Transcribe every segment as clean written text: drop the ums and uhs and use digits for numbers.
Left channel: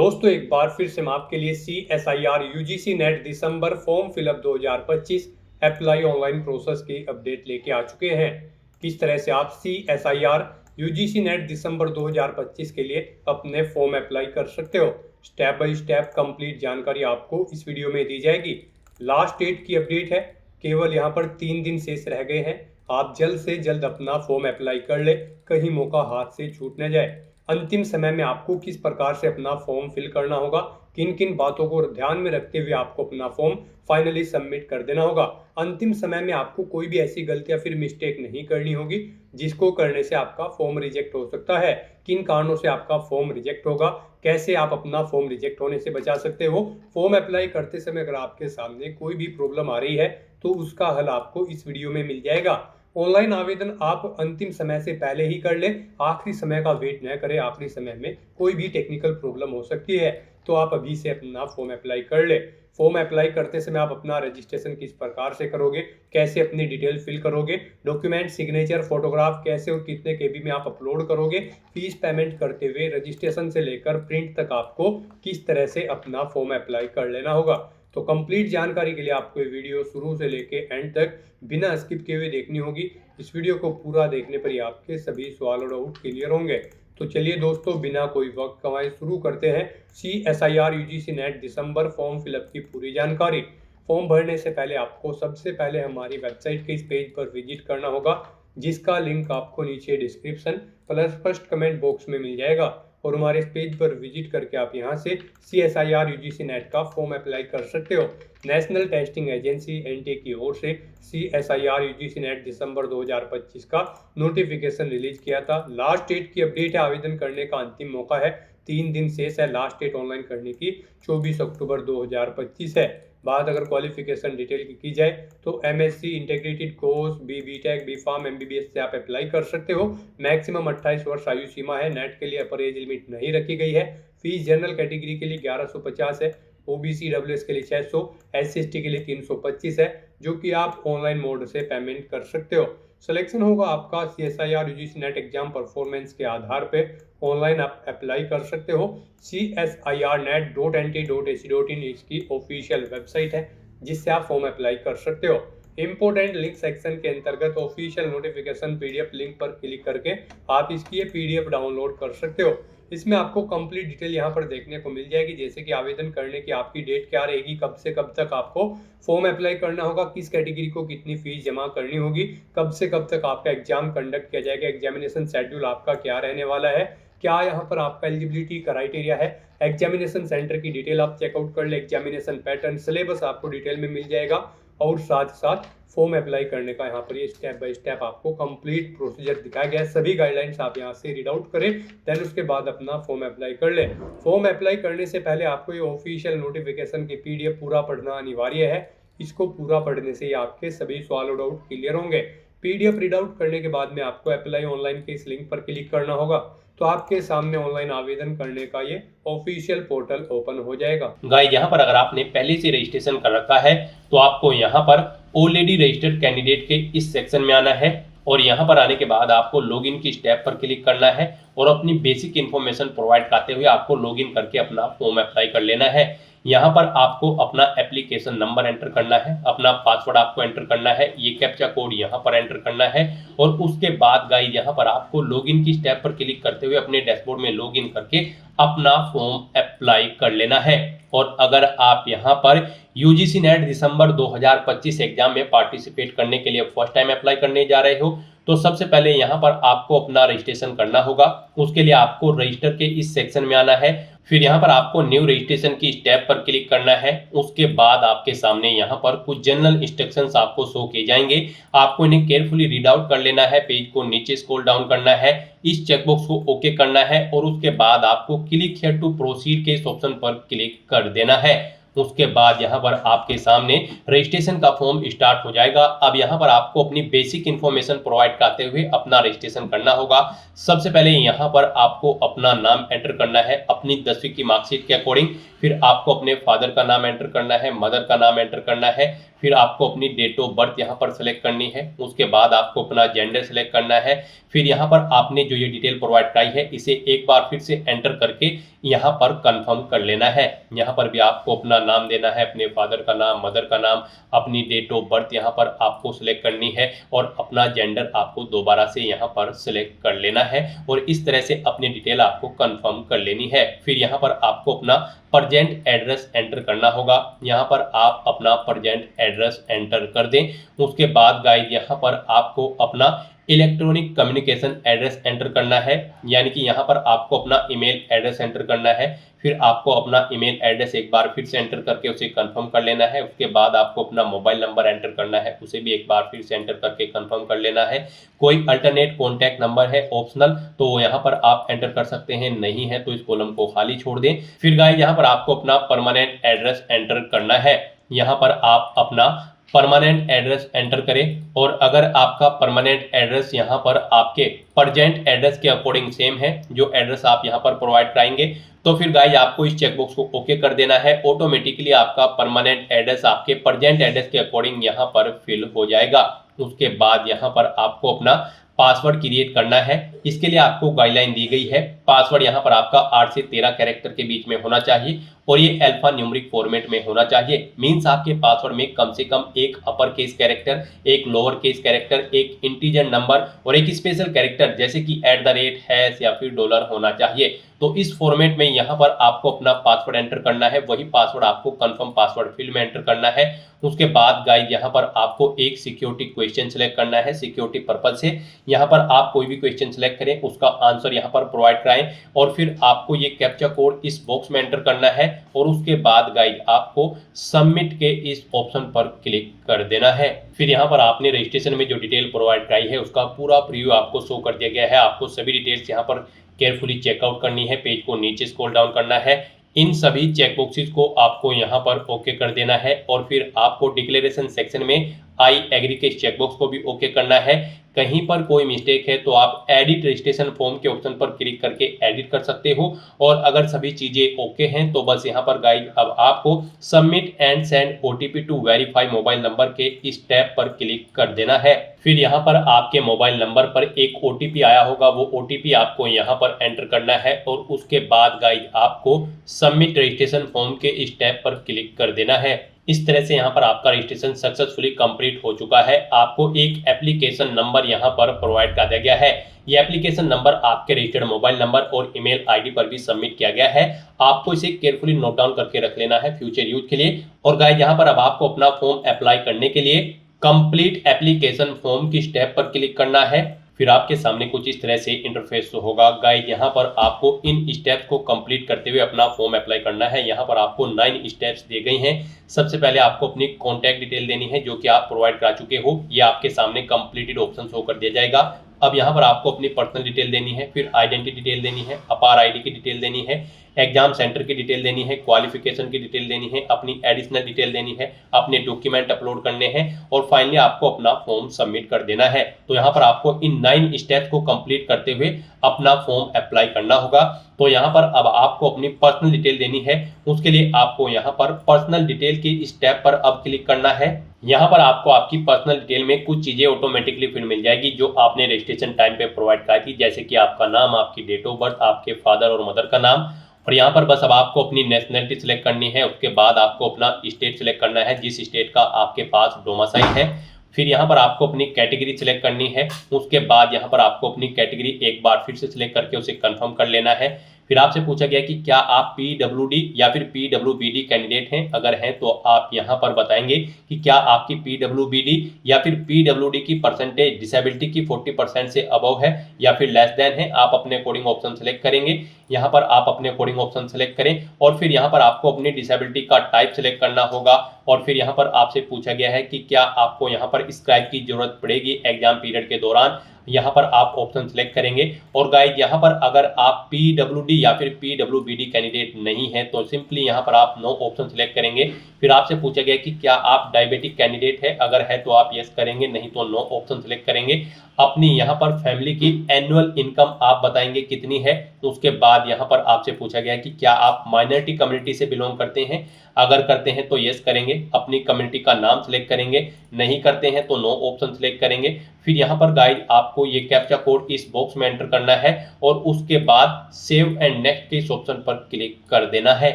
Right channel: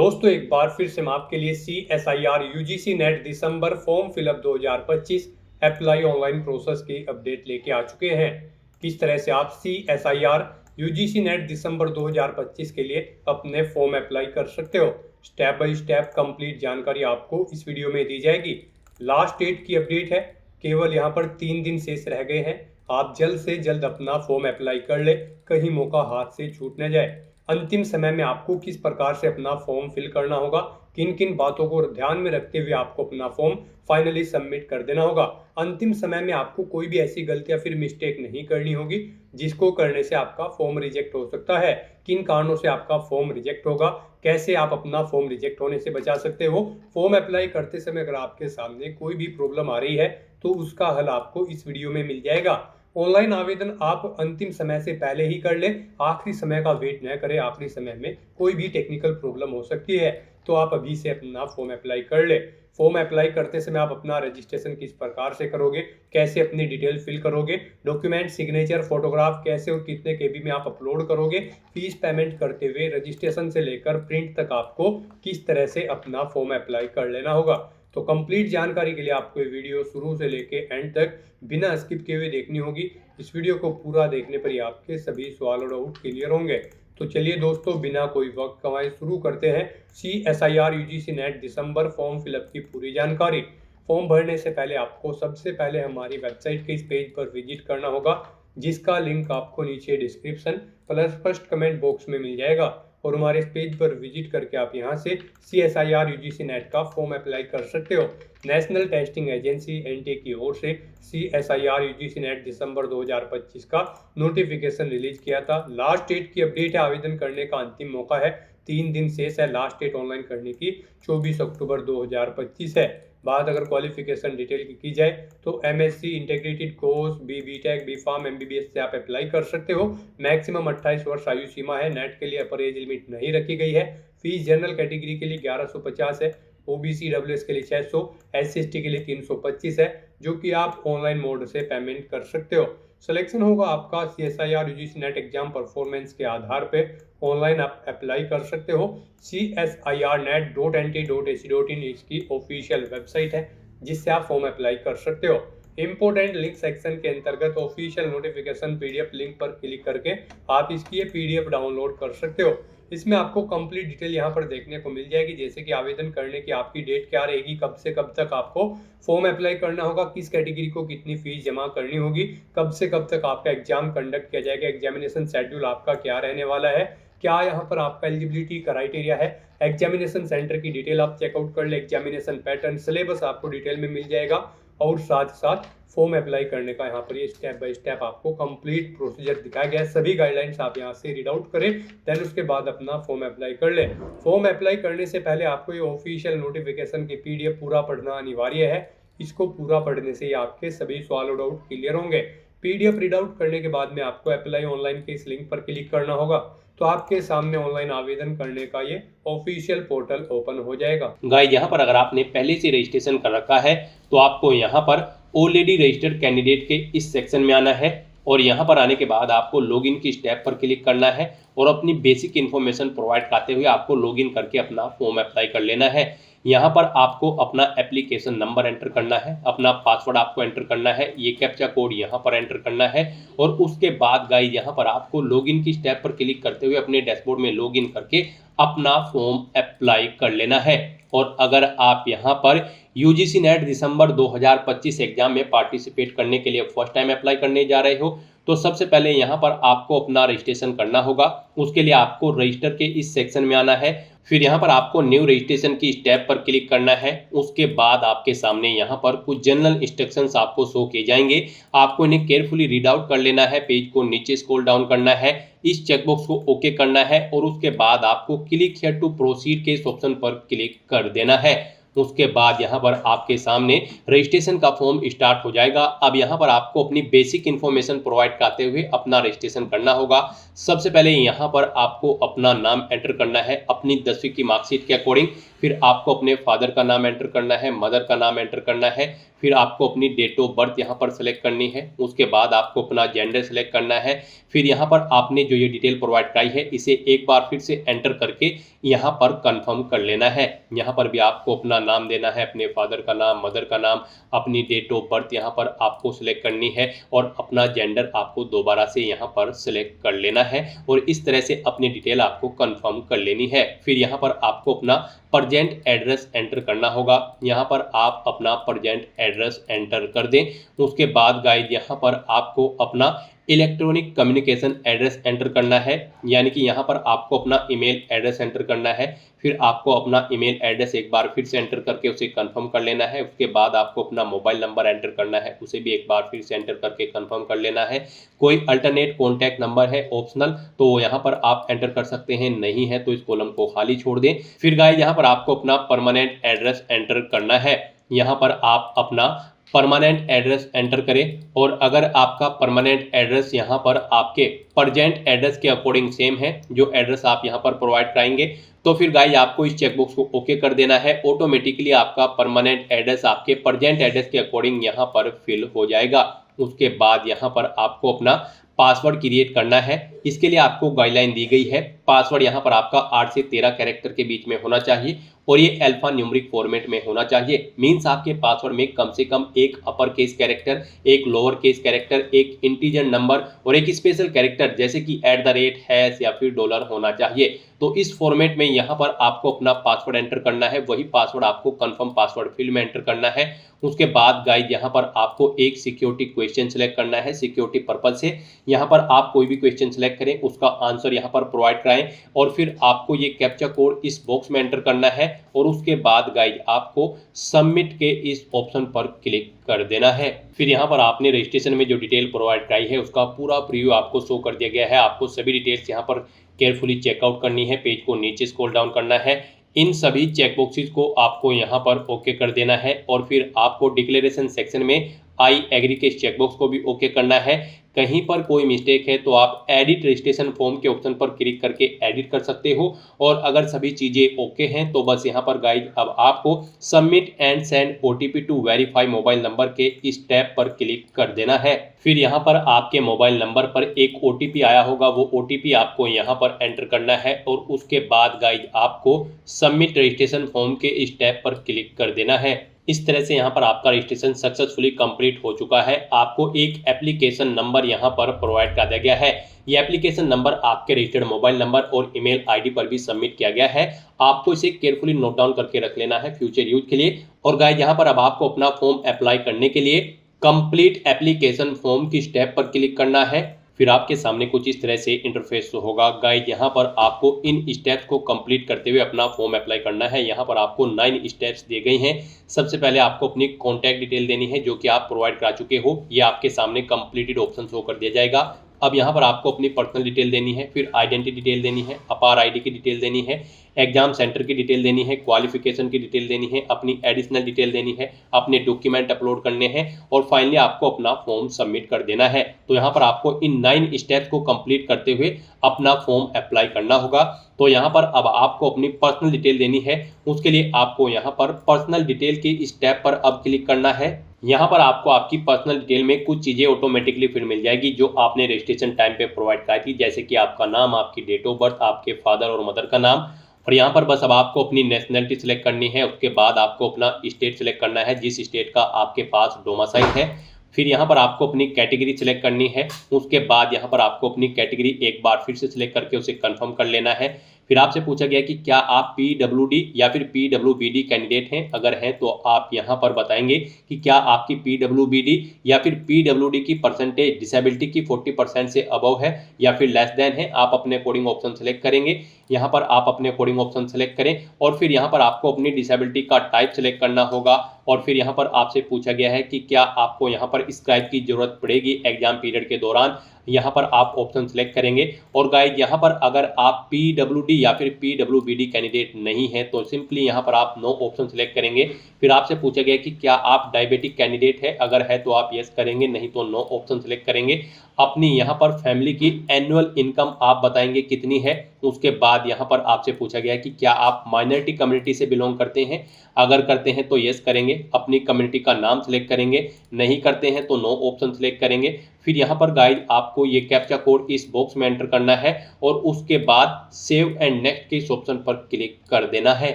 दोस्तों एक बार फिर से मैं आपके लिए CSIR UGC नेट दिसंबर form fillup 2025 apply online process की अपडेट लेके आ चुके हैं। किस तरह से आप CSIR UGC नेट दिसंबर 2025 के लिए अपने फॉर्म अप्लाई कर सकते हो, स्टेप बाय स्टेप कंप्लीट जानकारी आपको इस वीडियो में दी जाएगी। लास्ट डेट की अपडेट है, केवल यहाँ पर 3 दिन शेष रह गए हैं। आप जल्द से जल्द अपना फॉर्म अप्लाई कर ले, कहीं मौका हाथ से छूट न जाए। अंतिम समय में आपको किस प्रकार से अपना फॉर्म फिल करना होगा, किन किन बातों को ध्यान में रखते हुए आपको अपना फॉर्म फाइनली सबमिट कर देना होगा। अंतिम समय में आपको कोई भी ऐसी गलती या फिर मिस्टेक नहीं करनी होगी जिसको करने से आपका फॉर्म रिजेक्ट हो सकता है। किन कारणों से आपका फॉर्म रिजेक्ट होगा, कैसे आप अपना फॉर्म रिजेक्ट होने से बचा सकते हो। फॉर्म अप्लाई करते समय अगर आपके सामने कोई भी प्रॉब्लम आ रही है तो उसका हल आपको इस वीडियो में मिल जाएगा। ऑनलाइन आवेदन आप अंतिम समय से पहले ही कर ले, आखिरी समय का वेट न करें। आखिरी समय में कोई भी टेक्निकल प्रॉब्लम हो सकती है, तो आप अभी से अपना फॉर्म अप्लाई कर ले। फॉर्म अप्लाई करते समय आप अपना रजिस्ट्रेशन किस प्रकार से करोगे, कैसे अपनी डिटेल फिल करोगे, डॉक्यूमेंट, सिग्नेचर, फोटोग्राफ कैसे और कितने केबी में आप अपलोड करोगे, फीस पेमेंट करते हुए रजिस्ट्रेशन से लेकर प्रिंट तक आपको किस तरह से अपना फॉर्म अप्लाई कर लेना होगा। तो कंप्लीट जानकारी के लिए आपको ये वीडियो शुरू से लेके एंड तक बिना स्किप किए हुए देखनी होगी। इस वीडियो को पूरा देखने पर ही आपके सभी सवाल और डाउट क्लियर होंगे। तो चलिए दोस्तों, बिना कोई वक्त गंवाए शुरू करते हैं CSIR UGC नेट दिसंबर फॉर्म फिलअप की पूरी जानकारी। फॉर्म भरने से पहले आपको सबसे पहले हमारी वेबसाइट के इस पेज पर विजिट करना होगा, जिसका लिंक आपको नीचे description plus first comment box में मिल जाएगा। और हमारे इस पेज पर विजिट करके आप यहां से CSIR UGC नेट का फॉर्म अप्लाई कर सकते हो। नेशनल टेस्टिंग एजेंसी NTA की ओर से CSIR UGC नेट दिसंबर 2025 का नोटिफिकेशन रिलीज किया था। लास्ट डेट की अपडेट है, आवेदन करने का अंतिम मौका है, 3 दिन शेष है। लास्ट डेट ऑनलाइन करने की 24 अक्टूबर 2025 है। बात अगर क्वालिफिकेशन डिटेल की जाए तो MSc integrated course, BTech, B.Pharm, MBBS से आप अप्लाई कर सकते हो। मैक्सिमम 28 वर्ष आयु सीमा है। नेट के लिए अपर एज लिमिट नहीं रखी गई है। फीस जनरल कैटेगरी के लिए 1150 है, OBC WS के लिए 600, SC/ST के लिए 325 है, जो कि आप ऑनलाइन मोड से पेमेंट कर सकते हो। सिलेक्शन होगा आपका CSIR UGC net exam performance के आधार पे। ऑनलाइन आप अप्लाई कर सकते हो। CSIRnet.NTA.ac.in इसकी ऑफिशियल वेबसाइट है, जिससे आप फॉर्म अप्लाई कर सकते हो। इंपोर्टेंट लिंक सेक्शन के अंतर्गत ऑफिशियल नोटिफिकेशन PDF लिंक पर क्लिक करके आप इसकी ये PDF डाउनलोड कर सकते हो। इसमें आपको कंप्लीट डिटेल यहाँ पर देखने को मिल जाएगी, जैसे कि आवेदन करने की आपकी डेट क्या रहेगी, कब से कब तक आपको फॉर्म अप्लाई करना होगा, किस कैटेगरी को कितनी फीस जमा करनी होगी, कब से कब तक आपका एग्जाम कंडक्ट किया जाएगा, एग्जामिनेशन शेड्यूल आपका क्या रहने वाला है, क्या यहाँ पर आपका एलिजिबिलिटी क्राइटेरिया है, एग्जामिनेशन सेंटर की डिटेल आप चेकआउट कर ले, एग्जामिनेशन पैटर्न, सिलेबस आपको डिटेल में मिल जाएगा। और साथ साथ फॉर्म अप्लाई करने का यहाँ पर ये स्टेप बाय स्टेप आपको कंप्लीट प्रोसीजर दिखाया गया है। सभी गाइडलाइंस आप यहाँ से रीड आउट करें, देन उसके बाद अपना फॉर्म अप्लाई कर ले। फॉर्म अप्लाई करने से पहले आपको ये ऑफिशियल नोटिफिकेशन की PDF पूरा पढ़ना अनिवार्य है। इसको पूरा पढ़ने से ही आपके सभी सवाल और डाउट क्लियर होंगे। PDF रीड आउट करने के बाद में आपको अप्लाई ऑनलाइन के इस लिंक पर क्लिक करना होगा, तो आपके सामने ऑनलाइन आवेदन करने का ये ऑफिशियल पोर्टल ओपन हो जाएगा। गाइस, यहाँ पर अगर आपने पहले से रजिस्ट्रेशन कर रखा है तो आपको यहाँ पर ऑलरेडी रजिस्टर्ड कैंडिडेट के इस सेक्शन में आना है, और यहाँ पर आने के बाद आपको लॉगिन की स्टेप पर क्लिक करना है और अपनी बेसिक इन्फॉर्मेशन प्रोवाइड करते हुए आपको लॉगिन करके अपना फॉर्म अप्लाई कर लेना है। यहाँ पर आपको अपना एप्लीकेशन नंबर एंटर करना है, अपना पासवर्ड आपको एंटर करना है, ये कैप्चा कोड यहाँ पर एंटर करना है, और उसके बाद गाइस यहाँ पर आपको लॉगिन की स्टेप पर क्लिक करते हुए अपने डैशबोर्ड में लॉगिन करके अपना फॉर्म अप्लाई कर लेना है। और अगर आप यहाँ पर UGC नेट दिसंबर 2025 एग्जाम में पार्टिसिपेट करने के लिए फर्स्ट टाइम अप्लाई करने जा रहे हो, तो सबसे पहले यहाँ पर आपको अपना रजिस्ट्रेशन करना होगा। उसके लिए आपको रजिस्टर के इस सेक्शन में आना है, फिर यहाँ पर आपको न्यू रजिस्ट्रेशन की स्टेप पर क्लिक करना है। उसके बाद आपके सामने यहाँ पर कुछ जनरल इंस्ट्रक्शंस आपको शो किए जाएंगे, आपको इन्हें केयरफुली रीड आउट कर लेना है। पेज को नीचे स्क्रॉल डाउन करना है, इस चेकबॉक्स को ओके करना है, और उसके बाद आपको क्लिक हियर टू प्रोसीड के इस ऑप्शन पर क्लिक कर देना है। उसके बाद यहाँ पर आपके सामने रजिस्ट्रेशन का फॉर्म स्टार्ट हो जाएगा। अब यहाँ पर आपको अपनी बेसिक इन्फॉर्मेशन प्रोवाइड करते हुए अपना रजिस्ट्रेशन करना होगा। सबसे पहले यहाँ पर आपको अपना नाम एंटर करना है अपनी 10वीं की मार्कशीट के अकॉर्डिंग, फिर आपको अपने फादर का नाम एंटर करना है, मदर का नाम एंटर करना है, फिर आपको अपनी डेट ऑफ बर्थ यहाँ पर सेलेक्ट करनी है, उसके बाद आपको अपना जेंडर सेलेक्ट करना है। फिर यहाँ पर आपने जो ये डिटेल प्रोवाइड कराई है इसे एक बार फिर से एंटर करके यहाँ पर कंफर्म कर लेना है। यहाँ पर भी आपको अपना नाम देना है, अपने फादर का नाम, मदर का नाम, अपनी डेट ऑफ बर्थ यहाँ पर आपको सिलेक्ट करनी है और अपना जेंडर आपको दोबारा से यहाँ पर सिलेक्ट कर लेना है और इस तरह से अपनी डिटेल आपको कंफर्म कर लेनी है। फिर यहाँ पर आपको अपना प्रेजेंट एड्रेस एंटर करना होगा। यहाँ पर आप अपना प्रेजेंट एड्रेस एंटर कर दें। उसके बाद गाइस यहाँ पर आपको अपना इलेक्ट्रॉनिक कम्युनिकेशन एड्रेस एंटर करना है, यानी कि यहाँ पर आपको अपना ईमेल एड्रेस एंटर करना है। फिर आपको अपना ईमेल एड्रेस एक बार फिर से एंटर करके उसे कंफर्म कर लेना है। उसके बाद आपको अपना मोबाइल नंबर एंटर करना है, उसे भी एक बार फिर से एंटर करके कंफर्म कर लेना है। कोई अल्टरनेट कॉन्टैक्ट नंबर है ऑप्शनल तो यहाँ पर आप एंटर कर सकते हैं, नहीं है तो इस कॉलम को खाली छोड़ दें। फिर गाइस यहाँ पर आपको अपना परमानेंट एड्रेस एंटर करना है। यहाँ पर आप अपना परमानेंट एड्रेस एंटर करें और अगर आपका परमानेंट एड्रेस यहाँ पर आपके प्रेजेंट एड्रेस के अकॉर्डिंग सेम है जो एड्रेस आप यहाँ पर प्रोवाइड कराएंगे तो फिर गाइस आपको इस चेकबॉक्स को ओके कर देना है। ऑटोमेटिकली आपका परमानेंट एड्रेस आपके प्रेजेंट एड्रेस के अकॉर्डिंग यहाँ पर फिल हो जाएगा। उसके बाद यहाँ पर आपको अपना पासवर्ड क्रिएट करना है। इसके लिए आपको गाइडलाइन दी गई है, पासवर्ड यहाँ पर आपका 8 से 13 कैरेक्टर के बीच में होना चाहिए और ये अल्फा न्यूमेरिक फॉर्मेट में होना चाहिए। मींस आपके पासवर्ड में कम से कम एक अपर केस कैरेक्टर, एक लोअर केस कैरेक्टर, एक इंटीजर नंबर और एक स्पेशल कैरेक्टर जैसे कि @ या फिर डॉलर होना चाहिए। तो इस फॉर्मेट में यहाँ पर आपको अपना पासवर्ड एंटर करना है, वही पासवर्ड आपको कंफर्म पासवर्ड फील्ड में एंटर करना है। उसके बाद गाइस यहाँ पर आपको एक सिक्योरिटी क्वेश्चन सेलेक्ट करना है सिक्योरिटी पर्पज से। यहाँ पर आप कोई भी क्वेश्चन सेलेक्ट करें, उसका आंसर यहाँ पर प्रोवाइड कराएं और फिर आपको ये कैप्चा कोड इस बॉक्स में एंटर करना है और उसके बाद गाइस आपको सबमिट के इस ऑप्शन पर क्लिक कर देना है। फिर यहाँ पर आपने रजिस्ट्रेशन में जो डिटेल प्रोवाइड कराई है उसका पूरा प्रीव्यू आपको शो कर दिया गया है। आपको सभी डिटेल्स यहाँ पर केयरफुली चेकआउट करनी है, पेज को नीचे स्क्रॉल डाउन करना है, इन सभी चेकबॉक्सेस को आपको यहाँ पर ओके कर देना है और फिर आपको डिक्लेरेशन सेक्शन में आई एग्री के चेकबॉक्स को भी ओके करना है। कहीं पर कोई मिस्टेक है तो आप एडिट रजिस्ट्रेशन फॉर्म के ऑप्शन पर क्लिक करके एडिट कर सकते हो और अगर सभी चीज़ें ओके हैं तो बस यहाँ पर गाइस अब आपको submit and send OTP to verify mobile number के इस टैब पर क्लिक कर देना है। फिर यहाँ पर आपके मोबाइल नंबर पर एक OTP आया होगा, वो OTP आपको यहाँ पर एंटर करना है और उसके बाद गाइस आपको सबमिट रजिस्ट्रेशन फॉर्म के इस टैब पर क्लिक कर देना है। इस तरह से यहाँ पर आपका रजिस्ट्रेशन सक्सेसफुली कंप्लीट हो चुका है। आपको एक एप्लीकेशन नंबर यहाँ पर प्रोवाइड कर दिया गया है। ये एप्लीकेशन नंबर आपके रजिस्टर्ड मोबाइल नंबर और ईमेल आईडी पर भी सबमिट किया गया है। आपको इसे केयरफुली नोट डाउन करके रख लेना है फ्यूचर यूज के लिए। और गाइस यहाँ पर अब आपको अपना फॉर्म अप्लाई करने के लिए कंप्लीट एप्लीकेशन फॉर्म की स्टेप पर क्लिक करना है। फिर आपके सामने कुछ इस तरह से इंटरफेस होगा। गाइस यहाँ पर आपको इन स्टेप्स को कंप्लीट करते हुए अपना फॉर्म अप्लाई करना है। यहाँ पर आपको 9 स्टेप्स दिए गए हैं। सबसे पहले आपको अपनी कॉन्टैक्ट डिटेल देनी है जो कि आप प्रोवाइड करा चुके हो, ये आपके सामने कंप्लीटेड ऑप्शन शो कर दिया जाएगा। अब यहाँ पर आपको अपनी पर्सनल डिटेल देनी है, फिर आइडेंटिटी डिटेल देनी है, अपार आईडी की डिटेल देनी है, एग्जाम सेंटर की डिटेल देनी है, क्वालिफिकेशन की डिटेल देनी है, अपनी एडिशनल डिटेल देनी है, अपने डॉक्यूमेंट अपलोड करने हैं और फाइनली आपको अपना फॉर्म सबमिट कर देना है। तो यहाँ पर आपको इन 9 स्टेप्स को कंप्लीट करते हुए अपना फॉर्म अप्लाई करना होगा। तो यहाँ पर अब आपको अपनी पर्सनल डिटेल देनी है, उसके लिए आपको यहाँ पर पर्सनल डिटेल की स्टेप पर अब क्लिक करना है। यहाँ पर आपको आपकी पर्सनल डिटेल में कुछ चीज़ें ऑटोमेटिकली फिर मिल जाएगी जो आपने रजिस्ट्रेशन टाइम पे प्रोवाइड कराई थी, जैसे कि आपका नाम, आपकी डेट ऑफ बर्थ, आपके फादर और मदर का नाम। और यहाँ पर बस अब आपको अपनी नेशनलिटी सिलेक्ट करनी है। उसके बाद आपको अपना स्टेट सिलेक्ट करना है जिस स्टेट का आपके पास डोमिसाइल है। फिर यहाँ पर आपको अपनी कैटेगरी सिलेक्ट करनी है। उसके बाद यहाँ पर आपको अपनी कैटेगरी एक बार फिर से सिलेक्ट करके उसे कंफर्म कर लेना है। फिर आपसे पूछा गया कि क्या आप PWD या फिर PWBD कैंडिडेट हैं, अगर हैं तो आप यहाँ पर बताएंगे कि क्या आपकी PWBD या फिर PWD की परसेंटेज डिसेबिलिटी की 40% से अबव है या फिर लेस देन है। आप अपने अकॉर्डिंग ऑप्शन सेलेक्ट करेंगे। यहाँ पर आप अपने अकॉर्डिंग ऑप्शन सेलेक्ट करें और फिर यहाँ पर आपको अपनी डिसेबिलिटी का टाइप सेलेक्ट करना होगा। और फिर यहाँ पर आपसे पूछा गया है कि क्या आपको यहाँ पर स्क्राइब की जरूरत पड़ेगी एग्जाम पीरियड के दौरान। यहाँ पर आप ऑप्शन सेलेक्ट करेंगे। और गाइज यहाँ पर अगर आप PWD या फिर PWBD कैंडिडेट नहीं है तो सिंपली यहाँ पर आप नो ऑप्शन सेलेक्ट करेंगे। फिर आपसे पूछा गया कि क्या आप डायबिटिक कैंडिडेट है, अगर है तो आप यस करेंगे, नहीं तो नो ऑप्शन सेलेक्ट करेंगे। अपनी यहाँ पर फैमिली की एनुअल इनकम आप बताएंगे कितनी है। उसके बाद यहाँ पर आपसे पूछा गया कि क्या आप माइनॉरिटी कम्युनिटी से बिलोंग करते हैं, अगर करते हैं तो यस करेंगे, अपनी कम्युनिटी का नाम सेलेक्ट करेंगे, नहीं करते हैं तो नो ऑप्शन सेलेक्ट करेंगे। फिर यहाँ पर गाइड आपको ये कैप्चा कोड इस बॉक्स में एंटर करना है और उसके बाद सेव एंड नेक्स्ट के इस ऑप्शन पर क्लिक कर देना है।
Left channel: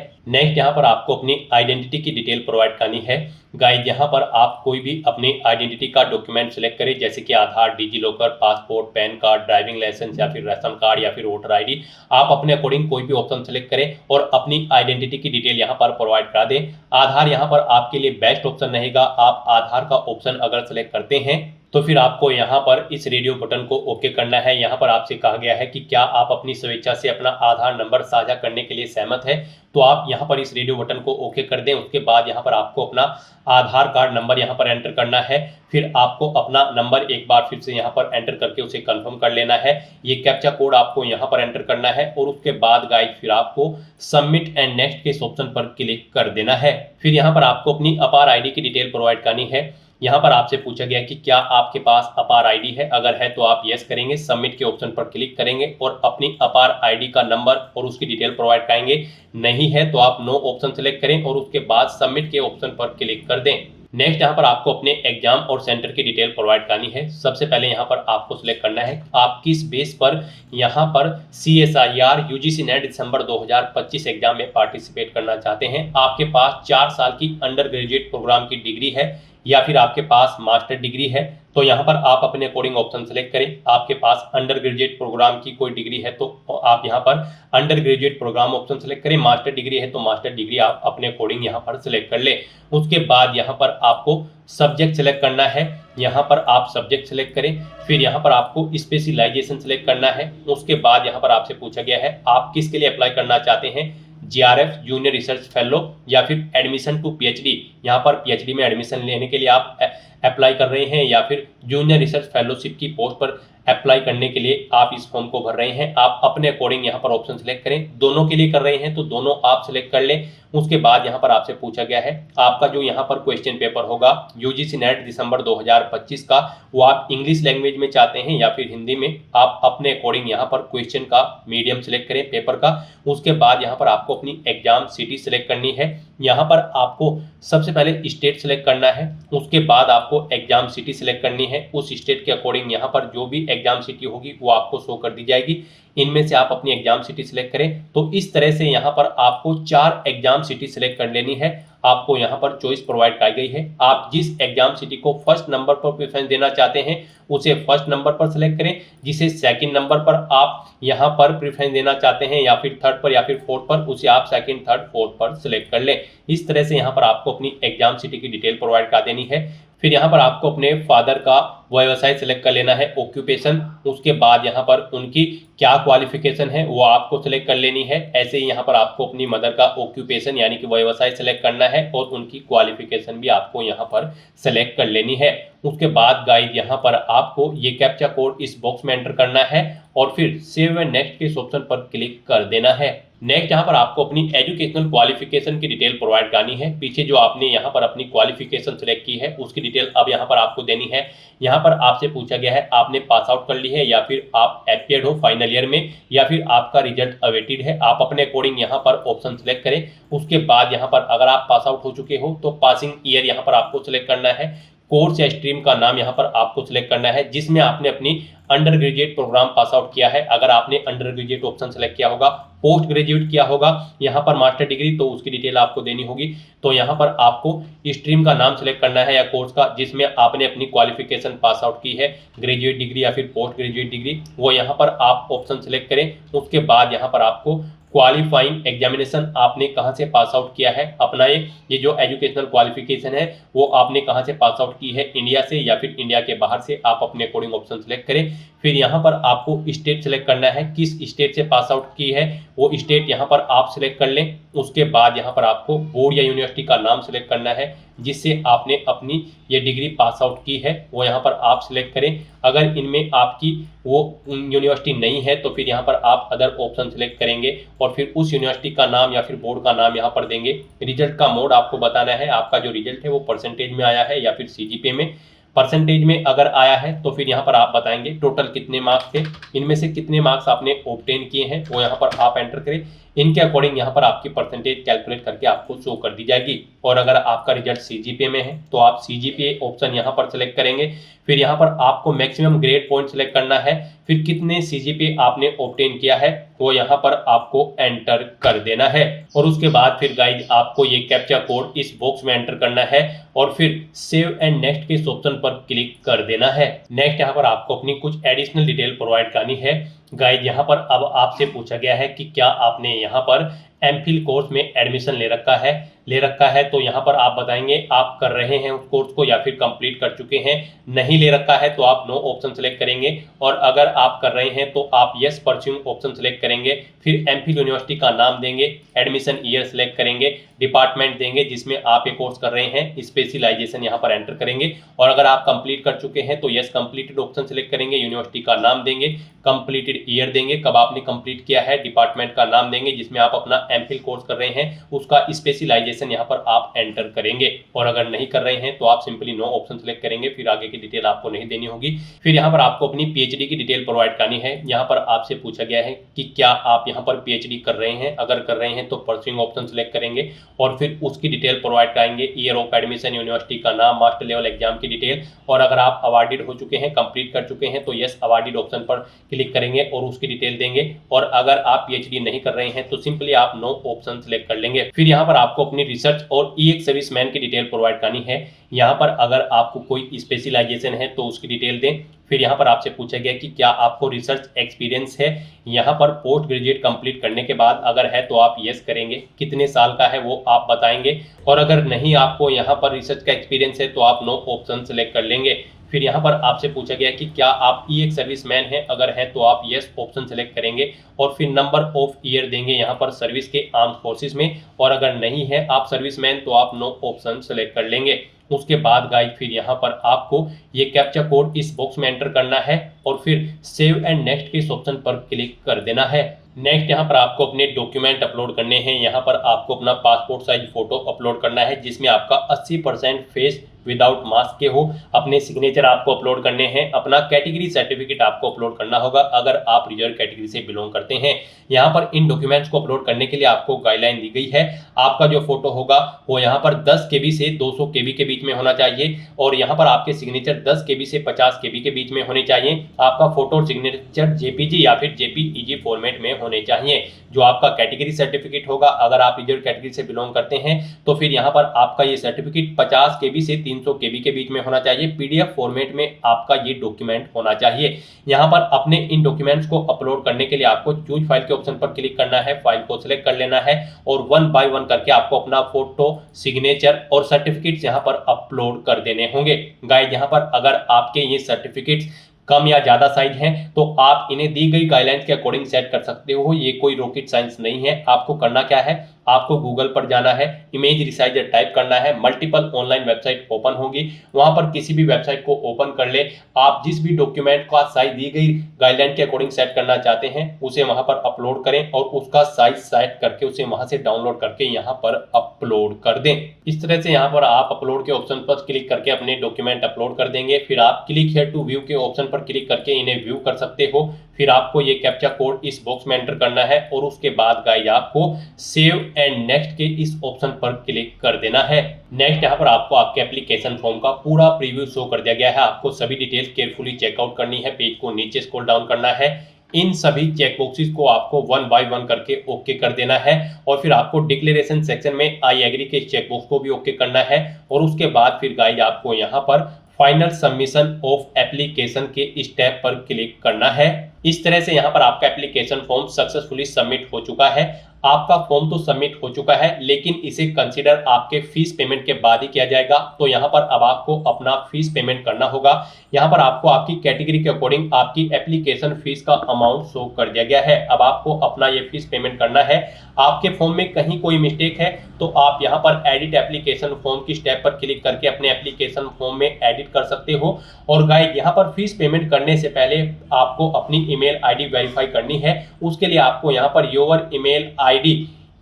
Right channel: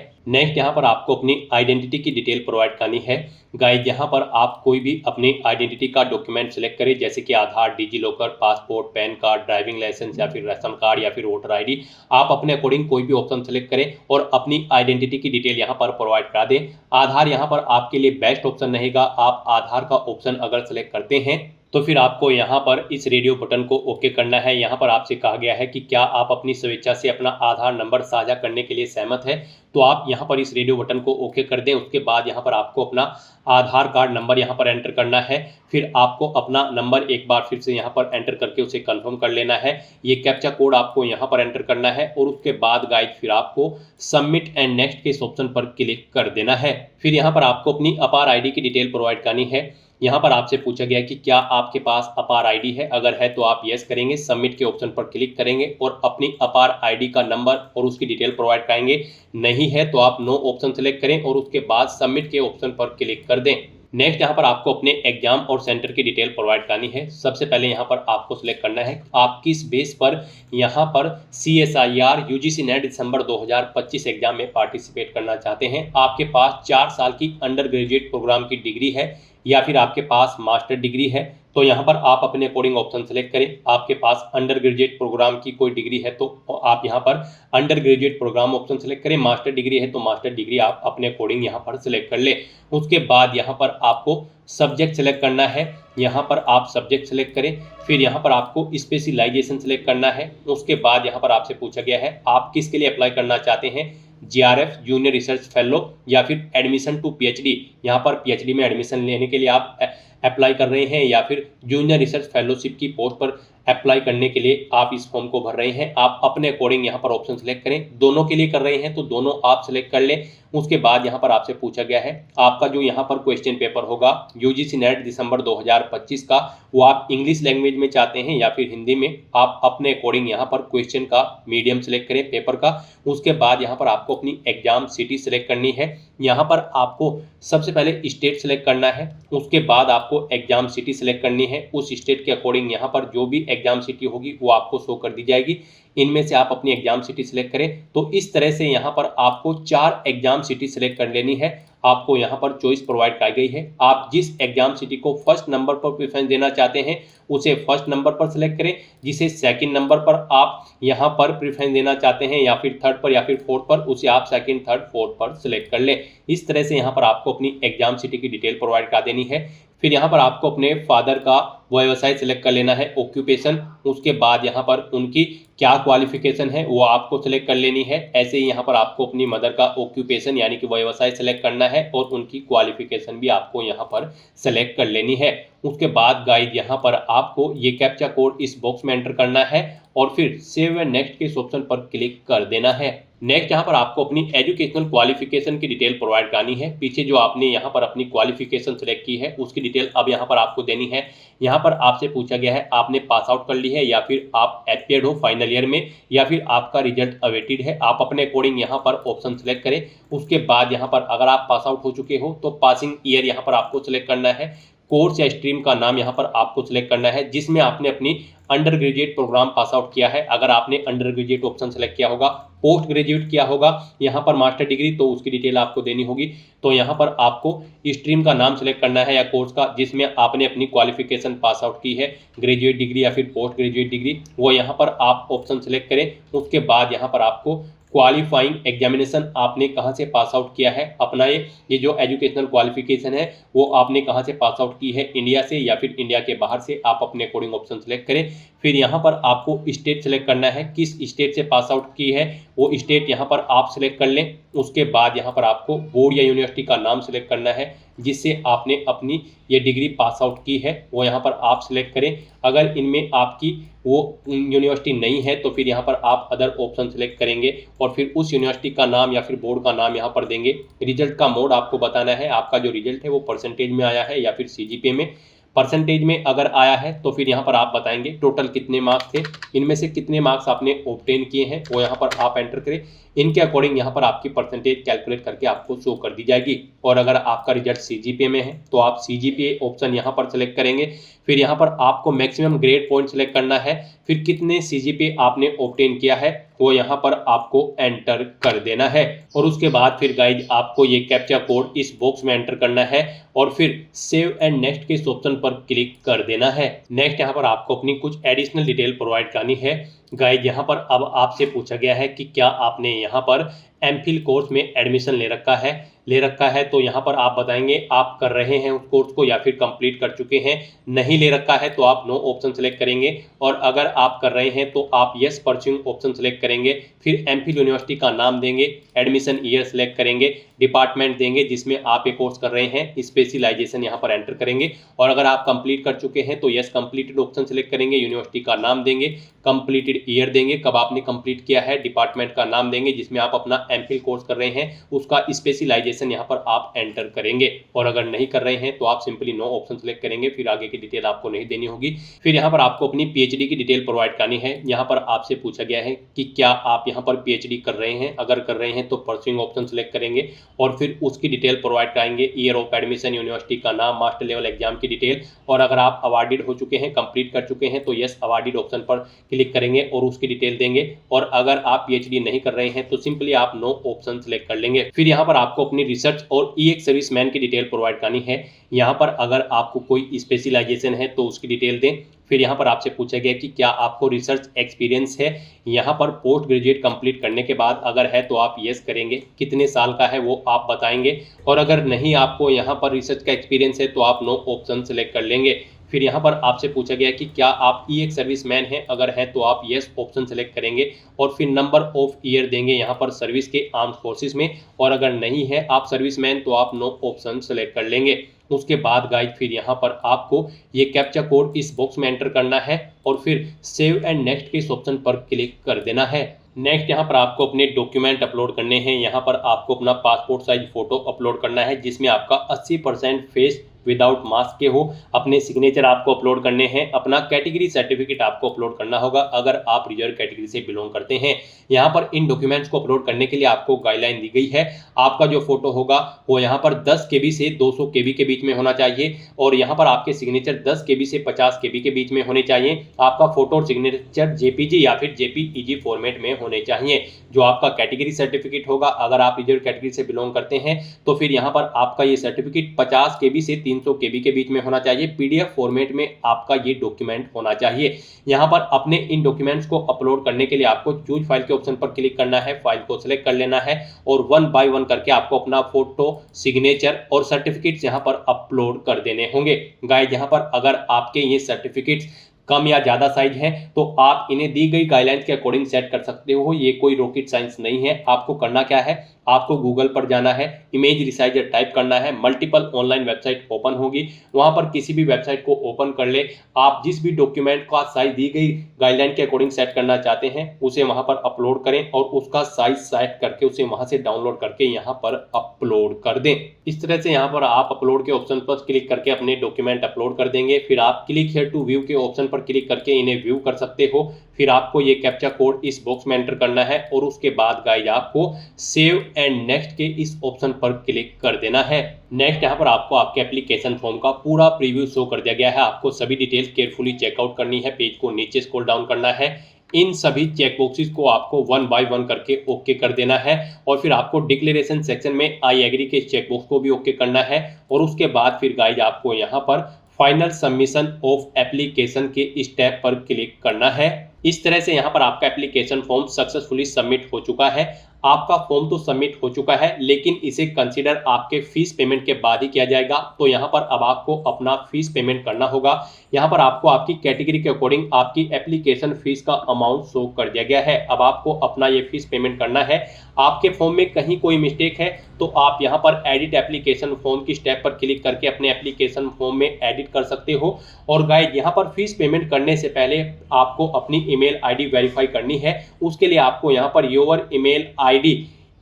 नेक्स्ट यहाँ पर आपको अपनी आइडेंटिटी की डिटेल प्रोवाइड करनी है। गाइड यहाँ पर आप कोई भी अपनी आइडेंटिटी का डॉक्यूमेंट सेलेक्ट करें, जैसे कि Aadhaar, digi locker, passport, pan card, driving licence या फिर राशन कार्ड या फिर वोटर आईडी। आप अपने अकॉर्डिंग कोई भी ऑप्शन सेलेक्ट करें और अपनी आइडेंटिटी की डिटेल यहाँ पर प्रोवाइड करा दें। आधार यहाँ पर आपके लिए बेस्ट ऑप्शन रहेगा। आप आधार का ऑप्शन अगर सेलेक्ट करते हैं तो फिर आपको यहाँ पर इस रेडियो बटन को ओके करना है। यहाँ पर आपसे कहा गया है कि क्या आप अपनी स्वेच्छा से अपना आधार नंबर साझा करने के लिए सहमत है, तो आप यहाँ पर इस रेडियो बटन को ओके कर दें। उसके बाद यहाँ पर आपको अपना आधार कार्ड नंबर यहाँ पर एंटर करना है। फिर आपको अपना नंबर एक बार फिर से यहाँ पर एंटर करके उसे कंफर्म कर लेना है। ये कैप्चा कोड आपको यहाँ पर एंटर करना है और उसके बाद गाइड फिर आपको सबमिट एंड नेक्स्ट के इस ऑप्शन पर क्लिक कर देना है। फिर यहाँ पर आपको अपनी अपार आईडी की डिटेल प्रोवाइड करनी है। यहाँ पर आपसे पूछा गया कि क्या आपके पास अपार आईडी है, अगर है तो आप यस करेंगे, सबमिट के ऑप्शन पर क्लिक करेंगे और अपनी अपार आईडी का नंबर और उसकी डिटेल प्रोवाइड कराएंगे। नहीं है तो आप नो ऑप्शन सेलेक्ट करें और उसके बाद सबमिट के ऑप्शन पर क्लिक कर दें। नेक्स्ट यहाँ पर आपको अपने एग्जाम और सेंटर की डिटेल प्रोवाइड करनी है। सबसे पहले यहाँ पर आपको सिलेक्ट करना है आप किस बेस पर यहाँ पर CSIR UGC नेट दिसंबर 2025 एग्जाम में पार्टिसिपेट करना चाहते हैं। आपके पास 4 साल की अंडर ग्रेजुएट प्रोग्राम की डिग्री है या फिर आपके पास मास्टर डिग्री है, तो यहाँ पर आप अपने अकॉर्डिंग ऑप्शन सेलेक्ट करें। आपके पास अंडर ग्रेजुएट प्रोग्राम की कोई डिग्री है तो आप यहाँ पर under graduate programme option select करें। मास्टर डिग्री है तो मास्टर डिग्री आप अपने अकॉर्डिंग यहाँ पर सेलेक्ट कर लें। उसके बाद यहाँ पर आपको सब्जेक्ट सेलेक्ट करना है। यहाँ पर आप सब्जेक्ट सेलेक्ट करें। फिर यहाँ पर आपको स्पेशलाइजेशन सेलेक्ट करना है। उसके बाद यहाँ पर आपसे पूछा गया है आप किसके लिए अप्लाई करना चाहते हैं, GRF जूनियर रिसर्च फेलो या फिर एडमिशन टू PhD। यहाँ पर PhD में एडमिशन लेने के लिए आप अप्लाई कर रहे हैं या फिर जूनियर रिसर्च फेलोशिप की पोस्ट पर अप्लाई करने के लिए आप इस फॉर्म को भर रहे हैं। आप अपने अकॉर्डिंग यहाँ पर ऑप्शन सेलेक्ट करें। दोनों के लिए कर रहे हैं तो दोनों आप सेलेक्ट कर लें। उसके बाद यहाँ पर आपसे पूछा गया है आपका जो यहाँ पर क्वेश्चन पेपर होगा UGC नेट दिसंबर 2025 का, वो आप इंग्लिश लैंग्वेज में चाहते हैं या फिर हिंदी में। आप अपने अकॉर्डिंग यहाँ पर क्वेश्चन का मीडियम सेलेक्ट करें पेपर का। उसके बाद यहाँ पर आपको अपनी एग्जाम सिटी सेलेक्ट करनी है। यहाँ पर आपको सबसे पहले स्टेट सेलेक्ट करना है, उसके बाद आपको एग्जाम सिटी सेलेक्ट करनी है। उस स्टेट के अकॉर्डिंग यहाँ पर जो भी एग्जाम सिटी होगी वो आपको शो कर दी जाएगी। इनमें से आप अपनी एग्जाम सिटी सेलेक्ट करें। तो इस तरह से यहाँ पर आपको 4 एग्जाम सिटी सेलेक्ट कर लेनी है। आपको यहाँ पर चॉइस प्रोवाइड कराई गई है। आप जिस एग्जाम सिटी को फर्स्ट नंबर पर प्रेफरेंस देना चाहते हैं उसे फर्स्ट नंबर पर सेलेक्ट करें, जिसे सेकंड नंबर पर आप यहाँ पर प्रेफरेंस देना चाहते हैं या फिर थर्ड पर या फिर फोर्थ पर, उसे आप सेकंड, थर्ड, फोर्थ पर सेलेक्ट कर लें। इस तरह से यहाँ पर आपको अपनी एग्जाम सिटी की डिटेल प्रोवाइड करा देनी है। फिर यहाँ पर आपको अपने फादर का व्यवसाय सेलेक्ट कर लेना है, ऑक्यूपेशन। उसके बाद यहाँ पर उनकी क्या क्वालिफिकेशन है वो आपको सेलेक्ट कर लेनी है। ऐसे ही यहाँ पर आपको अपनी मदर का ऑक्यूपेशन यानी कि व्यवसाय सेलेक्ट करना है और उनकी क्वालिफिकेशन भी आपको यहाँ पर सेलेक्ट कर लेनी है। उसके बाद गाइड यहाँ पर आपको ये कैप्चा कोड इस बॉक्स में एंटर करना है और फिर सेव एंड नेक्स्ट के इस ऑप्शन पर क्लिक कर देना है। नेक्स्ट यहाँ पर आपको अपनी एजुकेशनल क्वालिफिकेशन की डिटेल प्रोवाइड करनी है। पीछे जो आपने यहाँ पर अपनी क्वालिफिकेशन सेलेक्ट की है उसकी डिटेल अब यहाँ पर आपको देनी है। यहाँ पर आपसे पूछा गया है आपने पास आउट कर ली है या फिर आप अपियर्ड हो फाइनल ईयर में या फिर आपका रिजल्ट अवेटेड है। आप अपने अकॉर्डिंग यहाँ पर ऑप्शन सेलेक्ट करें। उसके बाद यहाँ पर अगर आप पास आउट हो चुके हो तो पासिंग ईयर यहाँ पर आपको सेलेक्ट करना है। कोर्स या स्ट्रीम का नाम यहाँ पर आपको सिलेक्ट करना है जिसमें आपने अपनी undergraduate programme pass out किया है। अगर आपने अंडर ग्रेजुएट ऑप्शन सेलेक्ट किया होगा, पोस्ट ग्रेजुएट किया होगा यहाँ पर मास्टर डिग्री, तो उसकी डिटेल आपको देनी होगी। तो यहाँ पर आपको स्ट्रीम का नाम सेलेक्ट करना है या कोर्स का जिसमें आपने अपनी क्वालिफिकेशन पास आउट की है, ग्रेजुएट डिग्री या फिर पोस्ट ग्रेजुएट डिग्री, वो यहाँ पर आप ऑप्शन सेलेक्ट करें। उसके बाद यहाँ पर आपको क्वालिफाइंग एग्जामिनेशन आपने कहाँ से पास आउट किया है, अपना ये जो एजुकेशनल क्वालिफिकेशन है वो आपने कहाँ से पास आउट की है, इंडिया से या फिर इंडिया के बाहर से, आप अपने अकॉर्डिंग ऑप्शन सेलेक्ट करें। फिर यहाँ पर आपको स्टेट सेलेक्ट करना है, किस स्टेट से पास आउट की है वो स्टेट यहाँ पर आप सेलेक्ट कर लें। उसके बाद यहाँ पर आपको बोर्ड या यूनिवर्सिटी का नाम सेलेक्ट करना है जिससे आपने अपनी ये डिग्री पास आउट की है, वो यहाँ पर आप सेलेक्ट करें। अगर इनमें आपकी वो यूनिवर्सिटी नहीं है तो फिर यहाँ पर आप अदर ऑप्शन सेलेक्ट करेंगे और फिर उस यूनिवर्सिटी का नाम या फिर बोर्ड का नाम यहाँ पर देंगे। रिजल्ट का मोड आपको बताना है, आपका जो रिजल्ट है वो परसेंटेज में आया है या फिर सीजीपीए में। परसेंटेज में अगर आया है तो फिर यहाँ पर आप बताएंगे टोटल कितने मार्क्स थे, इनमें से कितने मार्क्स आपने ऑब्टेन किए हैं वो यहाँ पर आप एंटर करें। इनके अकॉर्डिंग यहाँ पर आपकी परसेंटेज कैलकुलेट करके आपको शो कर दी जाएगी। और अगर आपका रिजल्ट सीजीपीए में है तो आप सीजीपीए ऑप्शन यहाँ पर सेलेक्ट करेंगे। फिर यहाँ पर आपको मैक्सिमम ग्रेड पॉइंट सेलेक्ट करना है, फिर कितने सीजीपीए आपने ऑब्टेन किया है वो यहाँ पर आपको एंटर कर देना है। और उसके बाद फिर गाइज आपको ये कैप्चा कोड इस बॉक्स में एंटर करना है और फिर सेव एंड नेक्स्ट के इस ऑप्शन पर क्लिक कर देना है। नेक्स्ट यहाँ पर आपको अपनी कुछ एडिशनल डिटेल प्रोवाइड करनी है। गाइज यहाँ पर अब आपसे पूछा गया है कि क्या आपने यहाँ पर एमफिल कोर्स में एडमिशन ले रखा है तो यहाँ पर आप बताएंगे आप कर रहे हैं उस कोर्स को या फिर कंप्लीट कर चुके हैं। नहीं ले रखा है तो आप नो ऑप्शन सेलेक्ट करेंगे और अगर आप कर रहे हैं तो आप यस परस्यूइंग ऑप्शन सेलेक्ट करेंगे। फिर एमफिल यूनिवर्सिटी का नाम देंगे, एडमिशन ईयर सेलेक्ट करेंगे, डिपार्टमेंट देंगे जिसमें आप ये कोर्स कर रहे हैं, स्पेशलाइजेशन यहाँ पर एंटर करेंगे और अगर आप कंप्लीट कर चुके हैं तो यस कंप्लीटेड ऑप्शन सेलेक्ट करेंगे, यूनिवर्सिटी का नाम देंगे, कंप्लीटेड ईयर देंगे कब आपने कंप्लीट किया है, डिपार्टमेंट का नाम देंगे जिसमें आप अपना एमफिल कोर्स कर रहे हैं, उसका स्पेशलाइजेशन यहाँ पर आप एंटर करेंगे। और अगर नहीं कर रहे हैं तो आप सिंपली नो ऑप्शन सेलेक्ट करेंगे, फिर आगे की डिटेल आपको नहीं देनी होगी। फिर यहाँ पर आपको अपनी पीएचडी की डिटेल प्रोवाइड करनी है। यहाँ पर आपसे पूछा गया है कि क्या आप यहाँ पर पीएचडी कर रहे हैं, अगर कर रहे हैं तो परस्यूइंग ऑप्शन सेलेक्ट करेंगे और फिर उसकी डिटेल प्रोवाइड कराएंगे, ईयर ऑफ एडमिशन, यूनिवर्सिटी का नाम, मास्टर लेवल एग्जाम की डिटेल। और अगर आप अवार्डेड हो चुके हैं, कंप्लीट कर चुके हैं तो यस अवार्डेड ऑप्शन पर क्लिक करेंगे और उसकी डिटेल देंगे। और अगर आप पीएचडी नहीं कर रहे हैं तो सिंपली आप नो ऑप्शन सेलेक्ट कर लेंगे। फिर यहाँ पर आपको अपनी रिसर्च और ईएक्स सर्विसमैन की डिटेल प्रोवाइड करनी है। यहाँ पर अगर आपको कोई स्पेशलाइजेशन है तो उसकी डिटेल दें। फिर यहाँ पर आपसे पूछा गया कि क्या आपको रिसर्च एक्सपीरियंस है। यहाँ पर पोस्ट ग्रेजुएट कंप्लीट करने के बाद अगर है तो आप यस करेंगे, कितने साल का है वो आप बताएंगे। और अगर नहीं आपको यहाँ पर रिसर्च का एक्सपीरियंस है तो आप नो ऑप्शन सेलेक्ट कर लेंगे। फिर यहाँ पर आपसे पूछा गया कि क्या आप ईएक्स सर्विसमैन हैं, अगर है तो आप यस ऑप्शन सेलेक्ट करेंगे और फिर नंबर ऑफ ईयर देंगे यहाँ पर सर्विस के आर्म फोर्सेस में। और अगर नहीं है आप सर्विसमैन तो आप नो ऑप्शन सेलेक्ट कर लेंगे। उसके बाद गाइड फिर यहाँ पर आपको ये कैप्चा कोड इस बॉक्स में एंटर करना है और फिर सेव एंड नेक्स्ट के इस ऑप्शन पर क्लिक कर देना है। नेक्स्ट यहाँ पर आपको अपने डॉक्यूमेंट अपलोड करने हैं। यहाँ पर आपको अपना पासपोर्ट साइज फोटो अपलोड करना है जिसमें आपका 80% फेस विदाउट मास्क के हो। अपने सिग्नेचर आपको अपलोड करने हैं, अपना कैटेगरी सर्टिफिकेट आपको अपलोड करना होगा अगर आप रिजर्व कैटेगरी से बिलोंग करते हैं। यहाँ पर इन डॉक्यूमेंट्स को अपलोड करने के लिए आपको गाइडलाइन दी गई है। आपका जो फोटो होगा वो यहाँ पर 10 KB से 200 KB के बीच में होना चाहिए और यहाँ पर आपके सिग्नेचर 10 KB से 50 KB के बीच में होने चाहिए। आपका फोटो और सिग्नेचर JPG या फिर JPEG फॉर्मेट में होने चाहिए। जो आपका कैटेगरी सर्टिफिकेट होगा, अगर आप रिजर्व कैटेगरी से बिलोंग करते हैं तो फिर यहाँ पर आपका ये सर्टिफिकेट 50 KB से 300 KB के बीच में होना चाहिए। PDF फॉर्मेट में आपका ये डॉक्यूमेंट होना चाहिए। यहाँ पर अपने इन डॉक्यूमेंट्स को अपलोड करने के लिए आपको चूज फाइल के ऑप्शन पर क्लिक करना है, फाइल को सिलेक्ट कर लेना है और 1 बाय 1 करके आपको अपना फोटो, सिग्नेचर और सर्टिफिकेट्स यहाँ पर अपलोड कर देने होंगे। गाइस यहाँ पर अगर आपके ये सर्टिफिकेट्स कम या ज़्यादा साइज है तो आप इन्हें दी गई गाइडलाइंस के अकॉर्डिंग सेट कर सकते हो। ये कोई रॉकेट साइंस नहीं है। आपको करना क्या है, आपको गूगल पर जाना है, इमेज रिसाइजर टाइप करना है, मल्टीपल ऑनलाइन वेबसाइट ओपन होगी, वहां पर किसी भी वेबसाइट को ओपन कर ले। आप जिस भी डॉक्यूमेंट का साइज दी गई गाइडलाइन के अकॉर्डिंग सेट करना चाहते हैं उसे वहां पर अपलोड करें और उसका साइज सेट करके उसे वहां से डाउनलोड करके यहाँ पर अपलोड कर दें। इस तरह से यहाँ पर आप अपलोड के ऑप्शन पर क्लिक करके अपने डॉक्यूमेंट अपलोड कर देंगे। फिर आप क्लिक हियर टू व्यू के ऑप्शन पर क्लिक करके इन्हें व्यू कर सकते हो। फिर आपको ये कैप्चा कोड इस बॉक्स में एंटर करना है और उसके बाद गाइस आपको सेव एंड नेक्स्ट के इस ऑप्शन पर क्लिक कर देना है। नेक्स्ट यहाँ पर आपको आपके एप्लीकेशन फॉर्म का पूरा प्रीव्यू शो कर दिया गया है। आपको सभी डिटेल्स केयरफुली चेकआउट करनी है, पेज को नीचे स्क्रॉल डाउन करना है, इन सभी चेक बॉक्सेस को आपको 1 बाय 1 करके ओके कर देना है और फिर आपको डिक्लेरेशन सेक्शन में आई एग्री के चेक बॉक्स को भी ओके करना है और उसके बाद फिर गाइस आपको यहाँ पर फाइनल सबमिशन ऑफ एप्लीकेशन के स्टेप पर क्लिक करना है। इस तरह से यहाँ पर आपका एप्लीकेशन फॉर्म सक्सेसफुली सबमिट हो चुका है। आपका फॉर्म तो सबमिट हो चुका है, लेकिन इसे कंसीडर आपके फीस पेमेंट के बाद ही किया जाएगा। तो यहाँ पर अब आपको अपना फीस पेमेंट करना होगा। यहाँ पर आपको आपकी कैटेगरी के अकॉर्डिंग आपकी एप्लीकेशन फीस का अमाउंट शो कर दिया गया है। अब आपको अपना ये फीस पेमेंट करना है। आपके फॉर्म में कहीं कोई मिस्टेक है तो आप यहाँ पर एडिट एप्लीकेशन फॉर्म की स्टेप पर क्लिक करके अपने एप्लीकेशन फॉर्म में एडिट कर सकते हो। और गाइड, यहाँ पर फीस पेमेंट करने से पहले आपको अपनी ईमेल आईडी वेरीफाई करनी है। उसके लिए आपको यहाँ per your email ID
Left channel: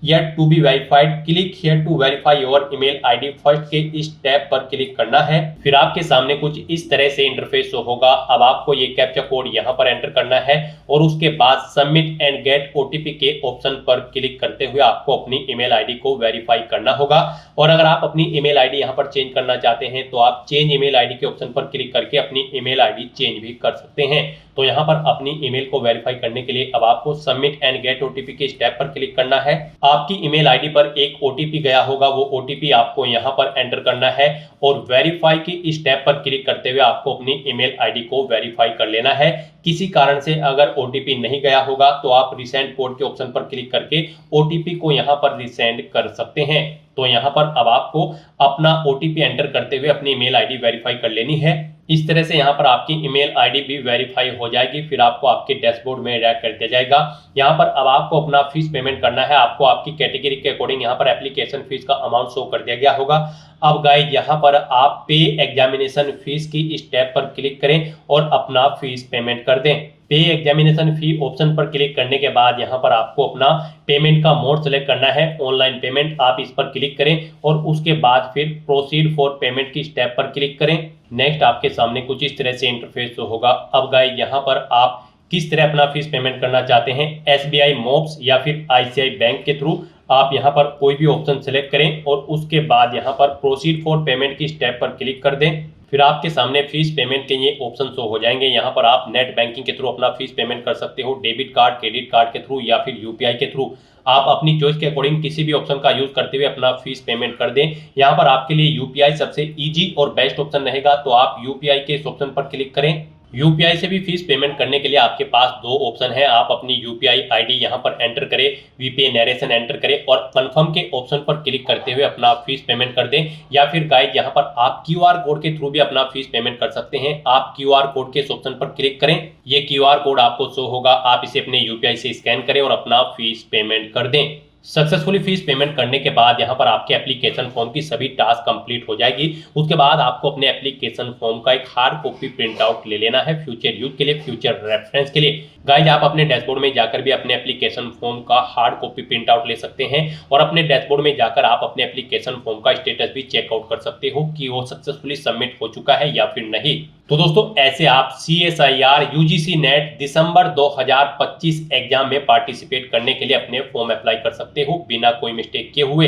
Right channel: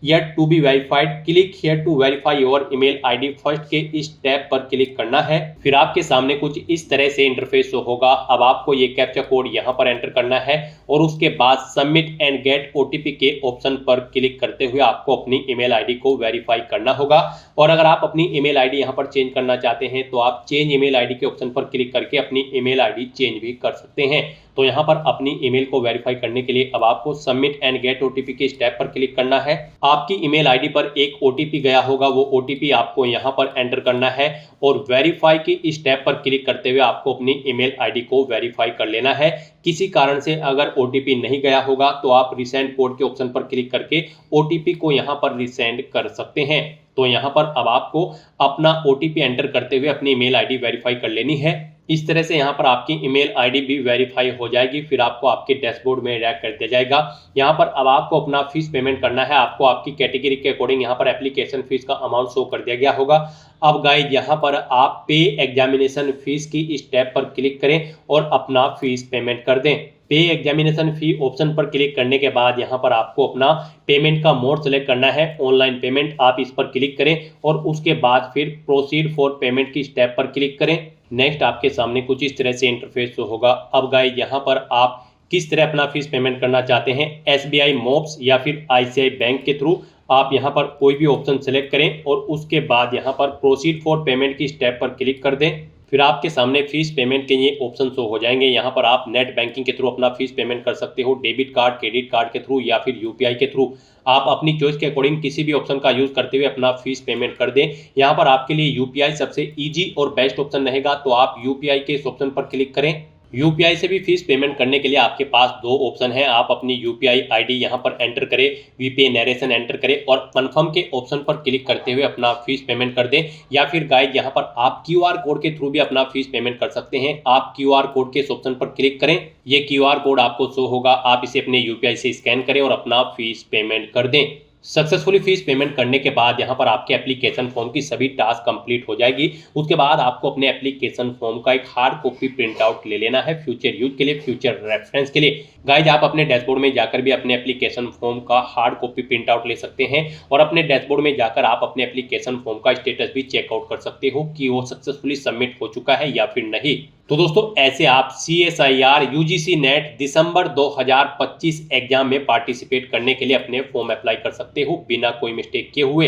yet to be verified, click here to verify your email ID first के इस टैब पर क्लिक करना है। फिर आपके सामने कुछ इस तरह से इंटरफेस होगा। अब आपको ये कैप्चा कोड यहाँ पर एंटर करना है और उसके बाद सबमिट एंड गेट ओटीपी के ऑप्शन पर क्लिक करते हुए आपको अपनी ईमेल आईडी को वेरीफाई करना होगा। और अगर आप अपनी ईमेल आईडी यहाँ पर चेंज करना चाहते हैं तो आप चेंज ईमेल आईडी के ऑप्शन पर क्लिक करके अपनी ईमेल आईडी चेंज भी कर सकते हैं। तो यहाँ पर अपनी ईमेल को वेरीफाई करने के लिए अब आपको सबमिट एंड गेट ओटीपी के स्टेप पर क्लिक करना है। आपकी ईमेल आईडी पर एक ओटीपी गया होगा, वो ओटीपी आपको यहाँ पर एंटर करना है और वेरीफाई की स्टेप पर क्लिक करते हुए आपको अपनी ईमेल आईडी को वेरीफाई कर लेना है। किसी कारण से अगर ओटीपी नहीं गया होगा तो आप रिसेंड कोड के ऑप्शन पर क्लिक करके ओटीपी को यहाँ पर रिसेंड कर सकते हैं। तो यहाँ पर अब आपको अपना ओटीपी एंटर करते हुए अपनी ईमेल आईडी वेरीफाई कर लेनी है। इस तरह से यहाँ पर आपकी ईमेल आईडी भी वेरीफाई हो जाएगी। फिर आपको आपके डैशबोर्ड में ऐड कर दिया जाएगा। यहाँ पर अब आपको अपना फीस पेमेंट करना है। आपको आपकी कैटेगरी के अकॉर्डिंग यहाँ पर एप्लीकेशन फीस का अमाउंट शो कर दिया गया होगा। अब गाइड, यहाँ पर आप पे एग्जामिनेशन फीस की स्टेप पर क्लिक करें और अपना फीस पेमेंट कर दें। पे एग्जामिनेशन फी ऑप्शन पर क्लिक करने के बाद यहाँ पर आपको अपना पेमेंट का मोड सेलेक्ट करना है। ऑनलाइन पेमेंट, आप इस पर क्लिक करें और उसके बाद फिर प्रोसीड फॉर पेमेंट की स्टेप पर क्लिक करें। नेक्स्ट आपके सामने कुछ इस तरह से इंटरफेस होगा। अब गाइड, यहाँ पर आप किस तरह अपना फीस पेमेंट करना चाहते हैं, एसबीआई मोब्स या फिर आईसीआई बैंक के थ्रू, आप यहाँ पर कोई भी ऑप्शन सेलेक्ट करें और उसके बाद यहाँ पर प्रोसीड फॉर पेमेंट की स्टेप पर क्लिक कर दें। फिर आपके सामने फीस पेमेंट के ये ऑप्शन शो हो जाएंगे। यहाँ पर आप नेट बैंकिंग के थ्रू अपना फीस पेमेंट कर सकते हो, डेबिट कार्ड, क्रेडिट कार्ड के थ्रू या फिर यूपीआई के थ्रू। आप अपनी चॉइस के अकॉर्डिंग किसी भी ऑप्शन का यूज करते हुए अपना फीस पेमेंट कर दें। यहाँ पर आपके लिए यूपीआई सबसे इजी और बेस्ट ऑप्शन रहेगा, तो आप यूपीआई के इस ऑप्शन पर क्लिक करें। यूपीआई से भी फीस पेमेंट करने के लिए आपके पास दो ऑप्शन है। आप अपनी यूपीआई आईडी यहाँ पर एंटर करें, वीपीए नरेशन एंटर करें और कंफर्म के ऑप्शन पर क्लिक करते हुए अपना फीस पेमेंट कर दें। या फिर गाइड, यहाँ पर आप क्यूआर कोड के थ्रू भी अपना फीस पेमेंट कर सकते हैं। आप क्यूआर कोड के इस ऑप्शन पर क्लिक करें, ये क्यूआर कोड आपको शो होगा, आप इसे अपने यूपीआई से स्कैन करें और अपना फीस पेमेंट कर दें। सक्सेसफुली फीस पेमेंट करने के बाद यहाँ पर आपके एप्लीकेशन फॉर्म की सभी टास्क कंप्लीट हो जाएगी। उसके बाद आपको अपने एप्लीकेशन फॉर्म का एक हार्ड कॉपी प्रिंट आउट ले लेना है फ्यूचर यूज के लिए, फ्यूचर रेफरेंस के लिए। गाइज, आप अपने डैशबोर्ड में जाकर भी अपने एप्लीकेशन फॉर्म का हार्ड कॉपी प्रिंट आउट ले सकते हैं और अपने डैशबोर्ड में जाकर आप अपने एप्लीकेशन फॉर्म का स्टेटस भी चेकआउट कर सकते हो कि वो सक्सेसफुली सबमिट हो चुका है या फिर नहीं। तो दोस्तों, ऐसे आप CSIR UGC नेट दिसंबर 2025 एग्जाम में पार्टिसिपेट करने के लिए अपने फॉर्म अप्लाई कर सकते हो बिना कोई मिस्टेक किए हुए।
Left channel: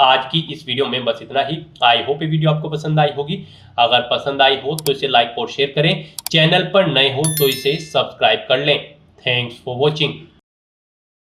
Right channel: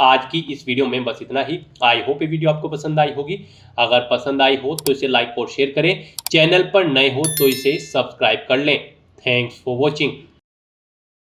आज की इस वीडियो में बस इतना ही। आई होप ये वीडियो आपको पसंद आई होगी। अगर पसंद आई हो तो इसे लाइक और शेयर करें। चैनल पर नए हो तो इसे सब्सक्राइब कर लें। Thanks for watching.